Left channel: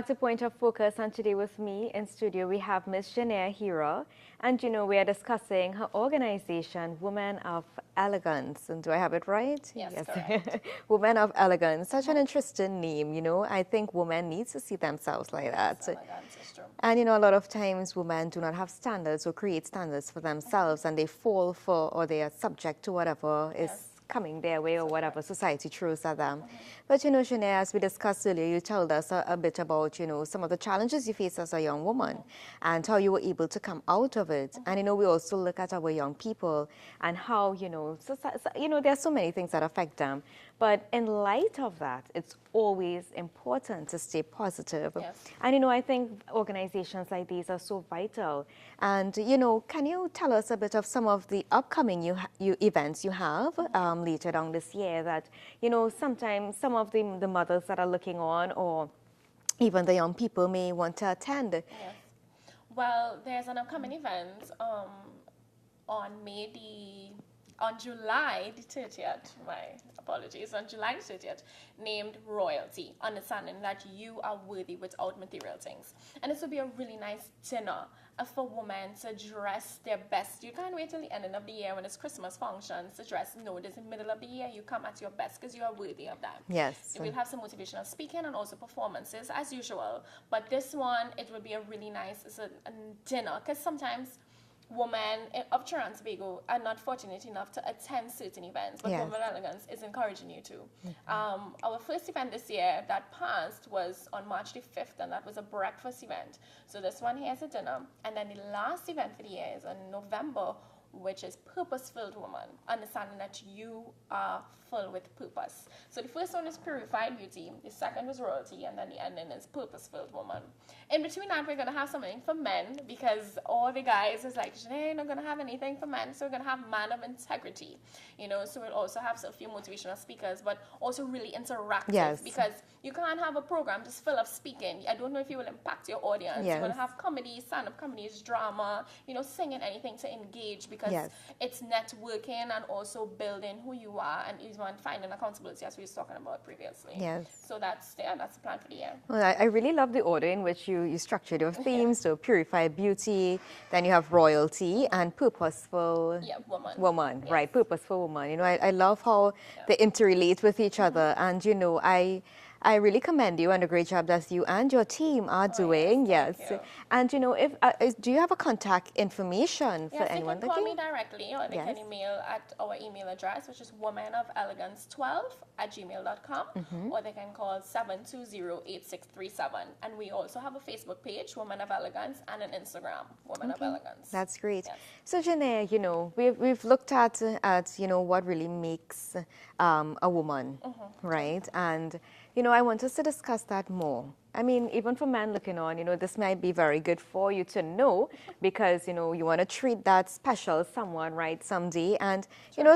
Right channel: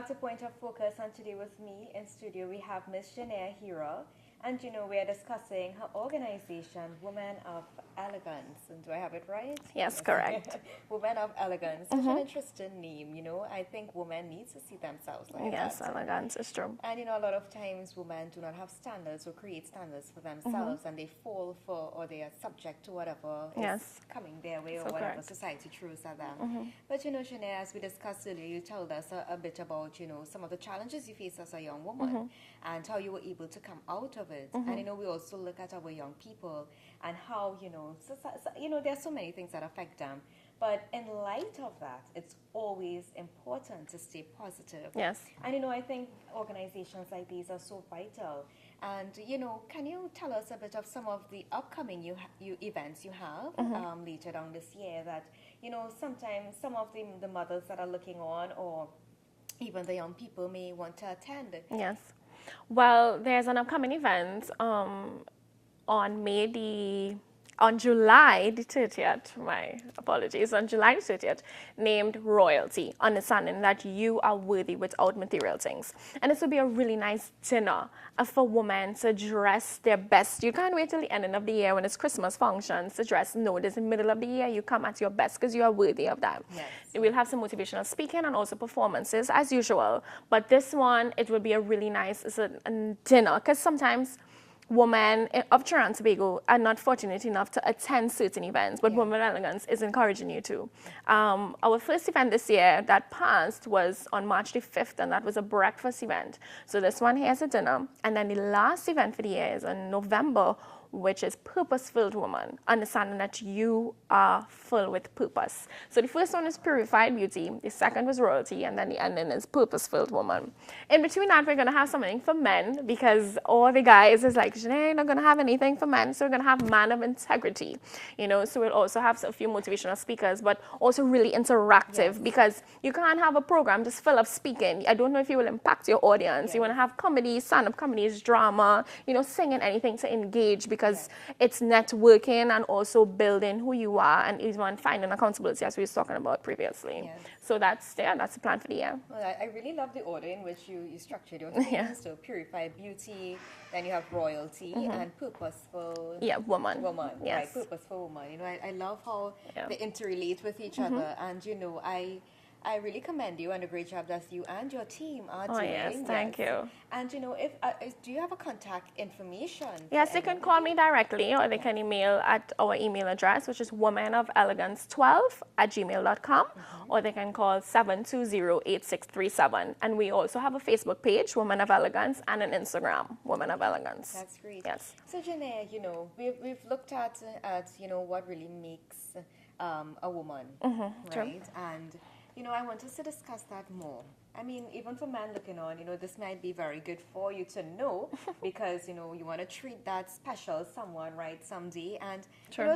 back to Point of Focus, and today with me in studio we have Miss Janelle Hero, and we are discussing her organization, Women of Elegance. And do I have it right? Yes, correct. Women of Elegance, such an interesting name. I think women need to see themselves like that. Yes, elegance is true. And a lot of times women do not have standards or create standards for themselves, and they fall for, or they are subject to whatever is coming their way, or whatever society throws at them. But Janelle, as we discussed earlier, you told us a bit about some of the challenges you face as a young woman and how you were able to come out of it. And we also look at our young people and how there are so many things that affect them. But in light of that, it's always important to stay positive. Yes. And I think organizations like these are so vital. And can you tell us a bit of some of the upcoming events you have later on this year that sometimes some of the mothers that are looking on, or even the young people, may want to attend? Yes. Well, there's an upcoming event on July the 30th, my apologies, on July the 30th, named Royalty, understanding that you are worthy without material things. And this will be a really nice dinner for women to dress their best. You can't wait till the ending of the year when it's Christmas functions to dress. No, it is in the middle of the year. You come at your best because you are worthy of that. Yes. We'll have some motivational speaking and also performances as usual. But this one, it will be a really nice dinner, because sometimes women of Trinidad and Tobago are not fortunate enough to attend certain events, but Women of Elegance is encouraging you to. Our first event this year that passed was on March the 5th, and that was a breakfast event. So this one here is a dinner, and then the last event for the year is in November, which is Purpose-Filled Woman, understanding that you are full with purpose. So the first one is Purified Beauty, the second was Royalty, and then the ending is Purpose-Filled Woman. In between that, we're going to have something for men, because all the guys is like, Janae, not going to have anything for men, so we're going to have Man of Integrity. So we'll also have a few motivational speakers, but also really interactive, because you can't have a program just full of speaking. I don't know if you will impact your audience. You want to have comedy, stand-up comedies, drama, singing, anything to engage, because it's networking and also building who you are, and even finding accountability, as we were talking about previously. Yes. So that's the plan for the year. Well, I really love the order in which you structured your themes. So Purified Beauty, then you have Royalty, and Purposeful Woman, right? Purposeful Woman. I love how they interrelate with each other, and I really commend you on the great job that you and your team are doing. Yes, thank you. And do you have a contact information? Yes, they can call me directly, or they can email at our email address, which is womenofelegance12@gmail.com, or they can call 720-8637. And we also have a Facebook page, Women of Elegance, and an Instagram, Women of Elegance. That's great. Yes. So Janae, we've looked at what really makes a woman, right? And I want us to discuss that more. I mean, even for men looking on, this might be very good for you to know, because, you want to treat that special someone, right, someday. And,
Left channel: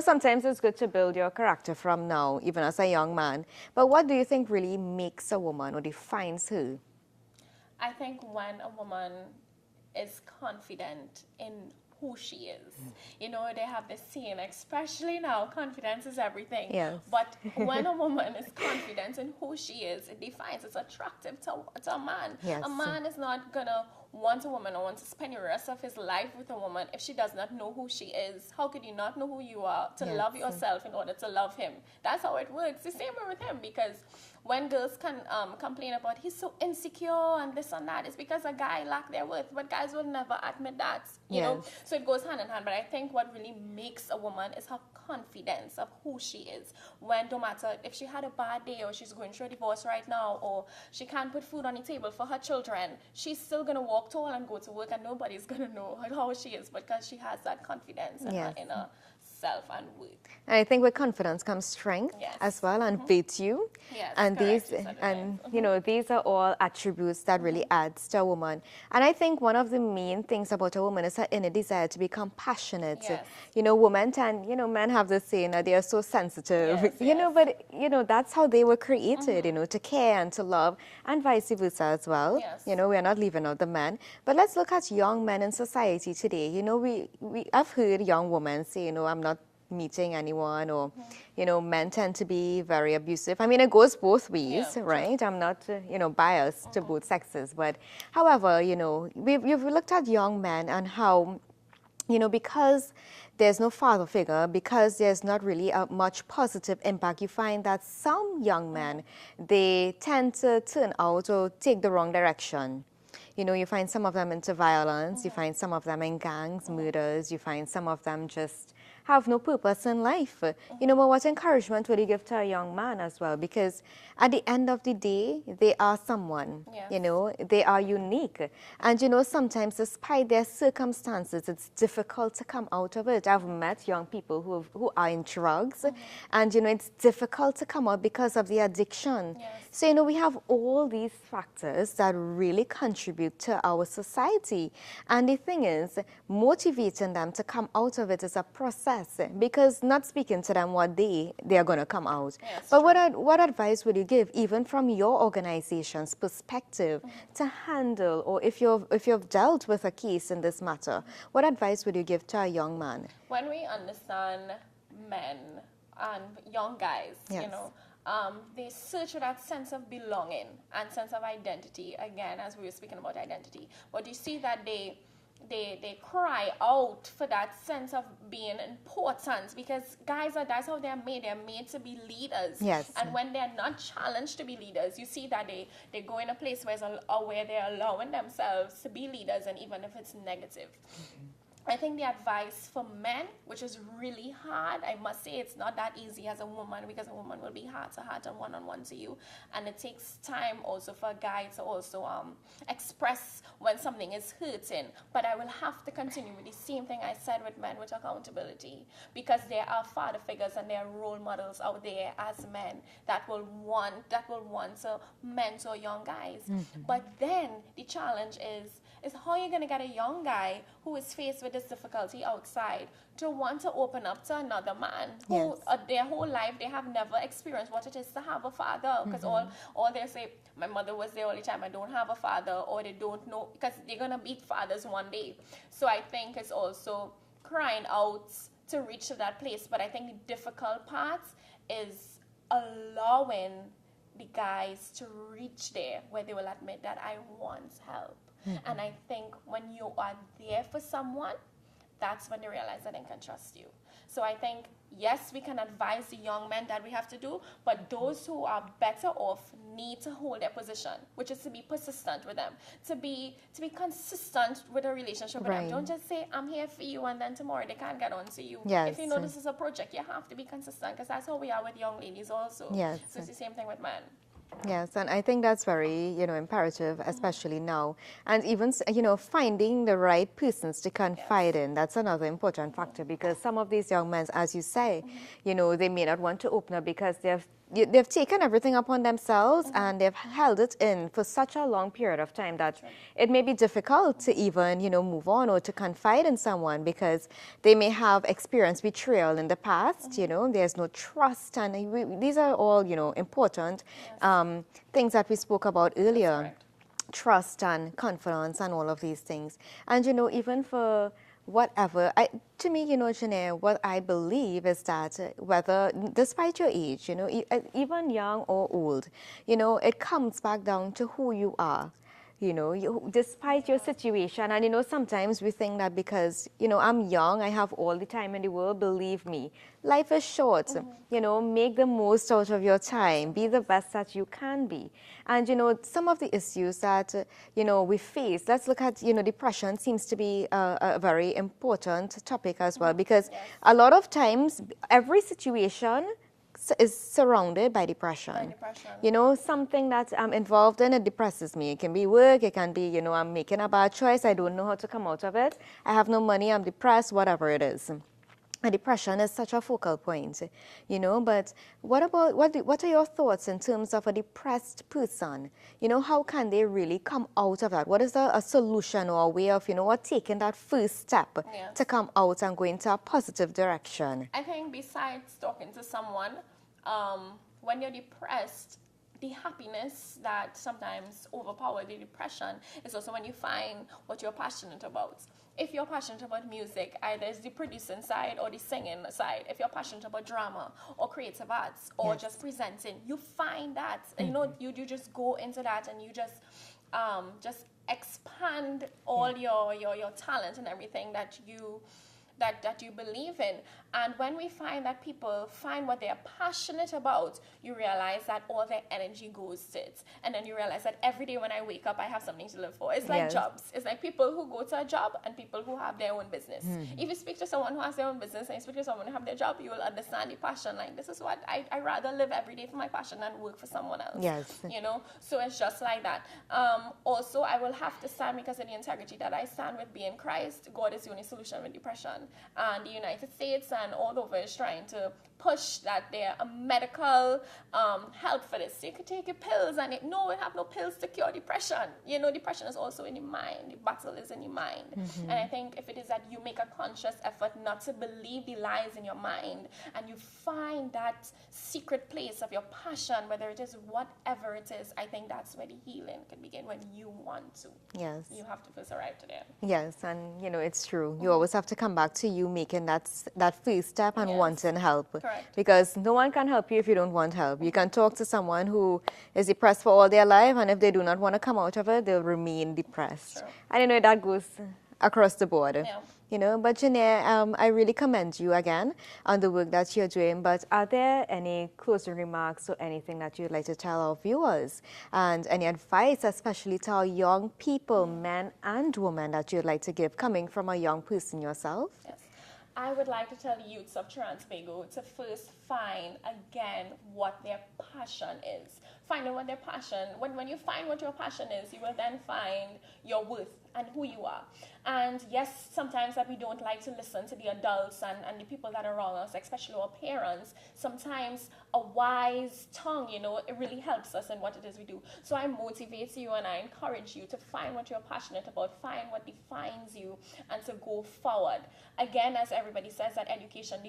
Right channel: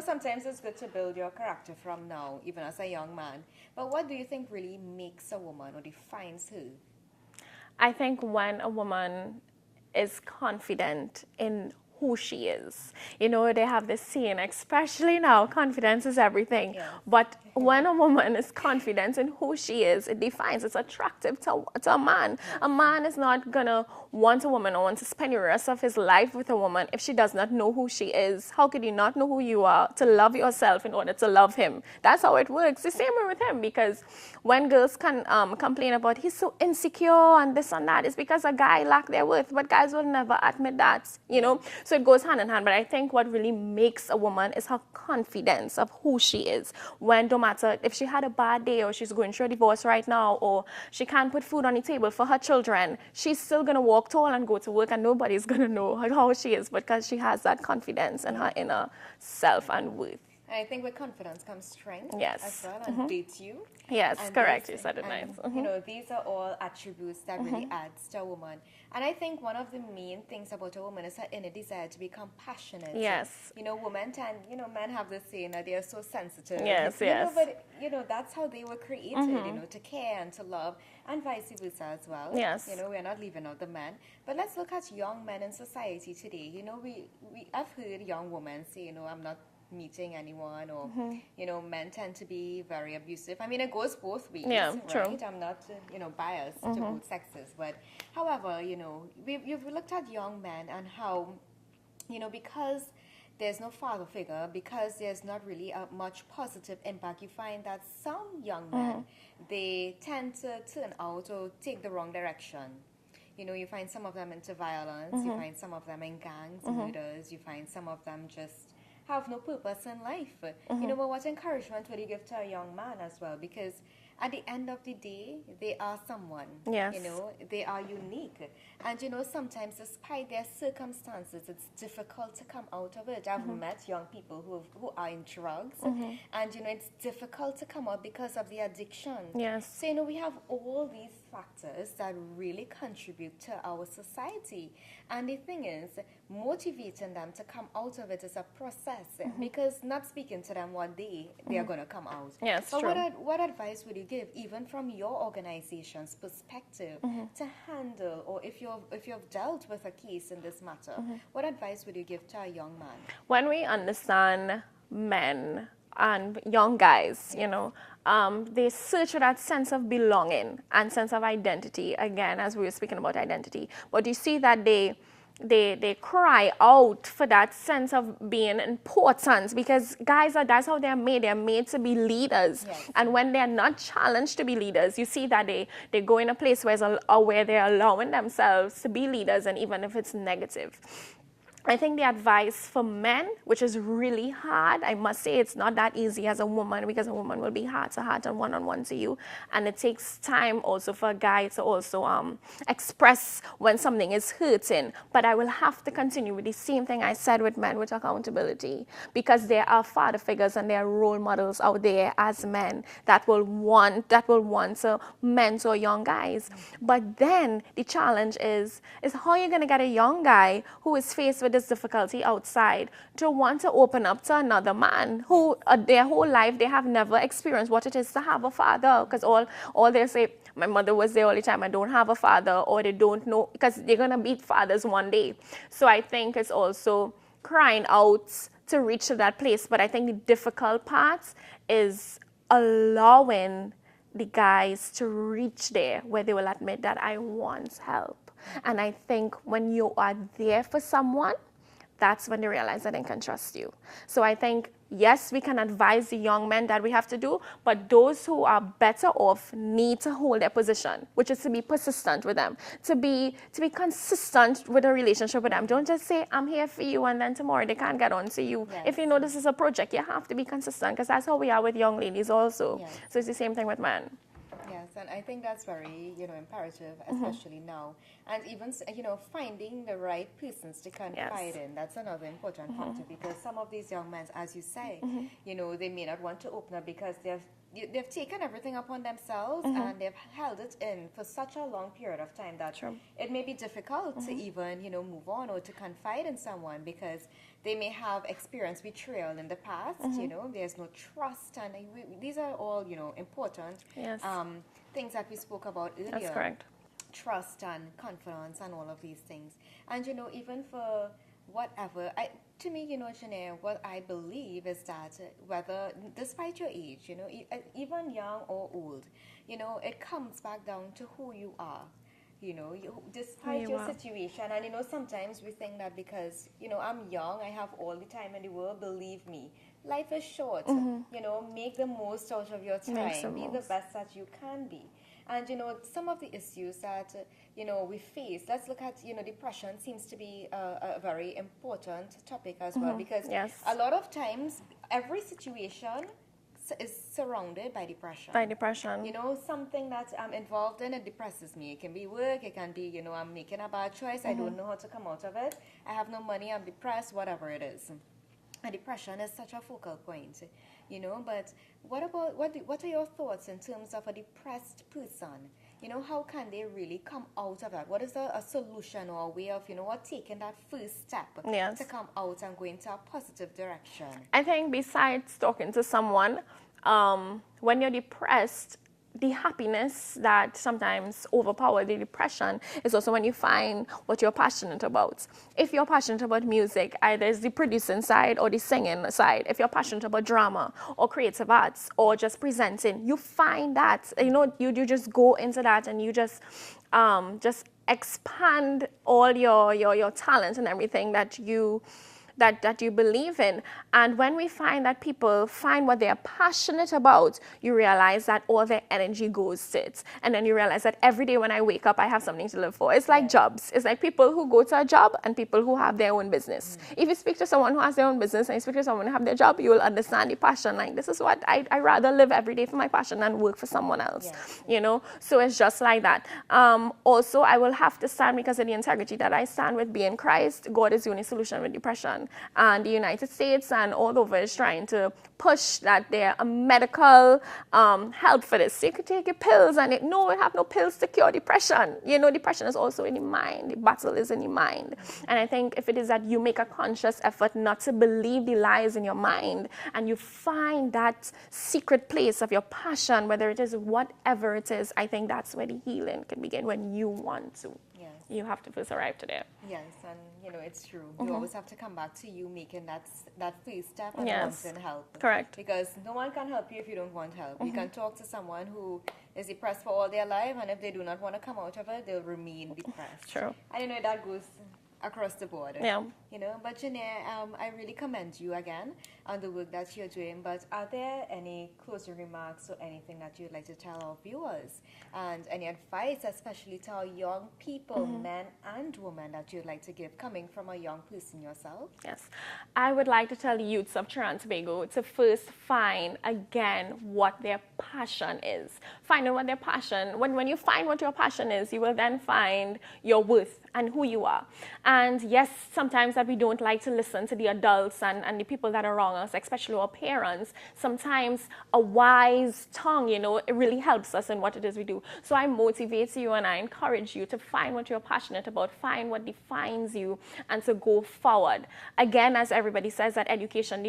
sometimes it's good to build your character from now, even as a young man. But what do you think really makes a woman or defines her? I think when a woman is confident in who she is. They have this saying, especially now, confidence is everything. Yes. But when a woman is confident in who she is, it defines, it's attractive to a man. Yes. A man is not going to want a woman or want to spend the rest of his life with a woman if she does not know who she is. How could you not know who you are to love yourself in order to love him? That's how it works. The same way with him, because when girls can complain about he's so insecure and this and that, it's because a guy lack their worth, but guys will never admit that, you know? So it goes hand in hand, but I think what really makes a woman is her confidence of who she is. When, no matter if she had a bad day, or she's going through a divorce right now, or she can't put food on the table for her children, she's still going to walk tall and go to work, and nobody's going to know how she is, because she has that confidence in her inner self and worth. And I think with confidence comes strength as well, and virtue. Yes, and correct. These are all attributes that really adds to a woman. And I think one of the main things about a woman is her inner desire to be compassionate. Yes. Women tend, men have this saying that they are so sensitive. Yes, but that's how they were created, to care and to love, and vice versa as well. Yes. We are not leaving out the men. But let's look at young men in society today. I've heard young women say, I'm not meeting anyone, or you know, men tend to be very abusive. I mean, it goes both ways, right? I'm not you know, biased to both sexes, but however, you know, we've looked at young men and how, you know, because there's no father figure, because there's not really a much positive impact, you find that some young men, they tend to turn out or take the wrong direction. You know, you find some of them into violence, you find some of them in gangs, murders, you find some of them just have no purpose in life. You know, but what encouragement would you give to a young man as well? Because at the end of the day, they are someone. Yes. You know, they are unique. And, you know, sometimes despite their circumstances, it's difficult to come out of it. I've met young people who are in drugs, and, you know, it's difficult to come out because of the addiction. Yes. So, you know, we have all these factors that really contribute to our society. And the thing is, motivating them to come out of it is a process, because not speaking to them what they are going to come out. Yes, but true. what advice would you give, even from your organization's perspective, to handle, or if you've dealt with a case in this matter, what advice would you give to a young man? When we understand men and young guys, you know, they search for that sense of belonging and sense of identity, again, as we were speaking about identity. But you see that they cry out for that sense of being important, because guys that's how they're made to be leaders. Yes. And when they're not challenged to be leaders, you see that they go in a place where they're allowing themselves to be leaders, and even if it's negative. I think the advice for men, which is really hard, I must say it's not that easy as a woman, because a woman will be heart to heart and one-on-one to you. And it takes time also for a guy to also express when something is hurting. But I will have to continue with the same thing I said with men, with accountability. Because there are father figures and there are role models out there as men that will want to mentor young guys. But then the challenge is how you're going to get a young guy who is faced with this difficulty outside to want to open up to another man who their whole life they have never experienced what it is to have a father, because all they say, my mother was there all the time, I don't have a father, or they don't know, because they're gonna beat fathers one day. So I think it's also crying out to reach to that place. But I think the difficult part is allowing the guys to reach there where they will admit that I want help. And I think when you are there for someone, that's when they realize that they can trust you. So I think, yes, we can advise the young men that we have to do, but those who are better off need to hold their position, which is to be persistent with them, to be consistent with a relationship with them. Don't just say, I'm here for you, and then tomorrow they can't get on to you. Yes. If you know this is a project, you have to be consistent, because that's how we are with young ladies also. Yes. So it's the same thing with men. Yes, and I think that's very, you know, imperative, especially now. And even, you know, finding the right persons to confide in, that's another important factor, because some of these young men, as you say, you know, they may not want to open up because they've taken everything upon themselves and they've held it in for such a long period of time that it may be difficult to even, you know, move on or to confide in someone, because they may have experienced betrayal in the past, you know, there's no trust, and these are all, you know, important things that we spoke about earlier. That's correct. Trust and confidence and all of these things. And, you know, even for whatever, to me, you know, Janae, what I believe is that whether, despite your age, you know, even young or old, you know, it comes back down to who you are. You know, despite your situation. And, you know, sometimes we think that because, you know, I'm young, I have all the time in the world. Believe me, life is short. You know, make the most out of your time. Be the best that you can be. And, you know, some of the issues that, you know, we face, let's look at, you know, depression seems to be a very important topic as well, because a lot of times, every situation is surrounded by depression. You know, something that I'm involved in, it depresses me. It can be work, it can be, you know, I'm making a bad choice, I don't know how to come out of it, I have no money, I'm depressed, whatever it is. And depression is such a focal point, you know, but what are your thoughts in terms of a depressed person? You know, how can they really come out of that? What is a solution or a way of, you know, what taking that first step to come out and go into a positive direction? I think besides talking to someone, when you're depressed, the happiness that sometimes overpowers the depression is also when you find what you're passionate about. If you're passionate about music, either it's the producing side or the singing side. If you're passionate about drama or creative arts or just presenting, you find that, you know, you just go into that and you just expand all your talents and everything that you believe in. And when we find that people find what they are passionate about, you realize that all their energy goes to it. And then you realize that every day when I wake up, I have something to live for. It's like jobs. It's like people who go to a job and people who have their own business. If you speak to someone who has their own business and you speak to someone who have their job, you will understand the passion. Like, this is what I rather live every day for my passion than work for someone else. You know, so it's just like that. Also, I will have to stand, because of the integrity that I stand with, being Christ. God is the only solution with depression. And the United States and all over is trying to push that there are medical help for this. So you could take your pills and no, I have no pills to cure depression. You know, depression is also in the mind. The battle is in the mind. And I think if it is that you make a conscious effort not to believe the lies in your mind and you find that secret place of your passion, whether it is whatever it is, I think that's where the healing can begin, when you want to. Yes. You have to first arrive to there. Yes, and you know, it's true. You always have to come back to you making that first step and wanting help. Correct. Because no one can help you if you don't want help. You can talk to someone who is depressed for all their life, and if they do not want to come out of it, they'll remain depressed. True. And you know, that goes across the board. Yeah. You know, but Janae, I really commend you again on the work that you're doing. But are there any closing remarks or anything that you'd like to tell our viewers, and any advice, especially to our young people, men and women, that you'd like to give, coming from a young person yourself? Yes. I would like to tell the youths of Trinidad and Tobago to first find again what their passion is. Finding what their passion, when you find what your passion is, you will then find your worth and who you are. And yes, sometimes that we don't like to listen to the adults and the people that are around us, especially our parents. Sometimes a wise tongue, you know, it really helps us in what it is we do. So I motivate you and I encourage you to find what you're passionate about, find what defines you, and to go forward. Again, as everybody says, that education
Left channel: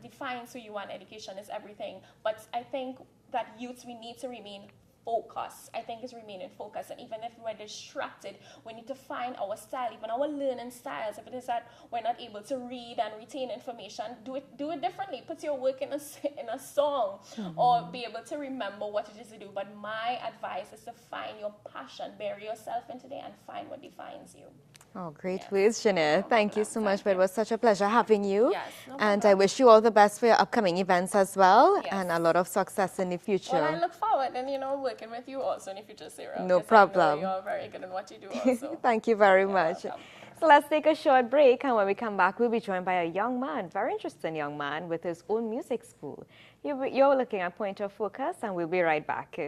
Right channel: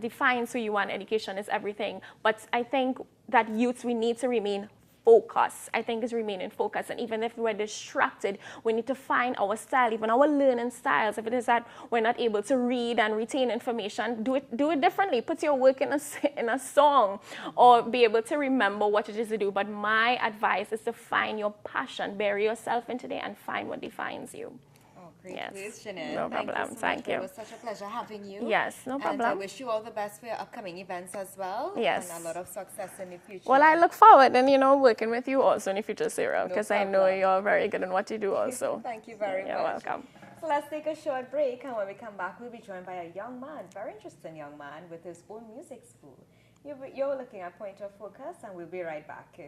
defines who you are, and education is everything. But I think that youths, we need to remain focused. I think is remaining focused. And even if we're distracted, we need to find our style, even our learning styles. If it is that we're not able to read and retain information, do it differently. Put your work in a song, or be able to remember what it is to do. But my advice is to find your passion, bury yourself into there, and find what defines you. Oh, great words, Janae. No Thank you so much. But it was such a pleasure having you. Yes, no problem. And I wish you all the best for your upcoming events as well. Yes. And a lot of success in the future. Well, I look forward and, you know, working with you also in the future, Sarah. No because problem. I know you're very good in what you do also. Thank you very You're much. welcome. So let's take a short break, and when we come back, we'll be joined by a young man, very interesting young man with his own music school. You're looking at Point of Focus, and we'll be right back.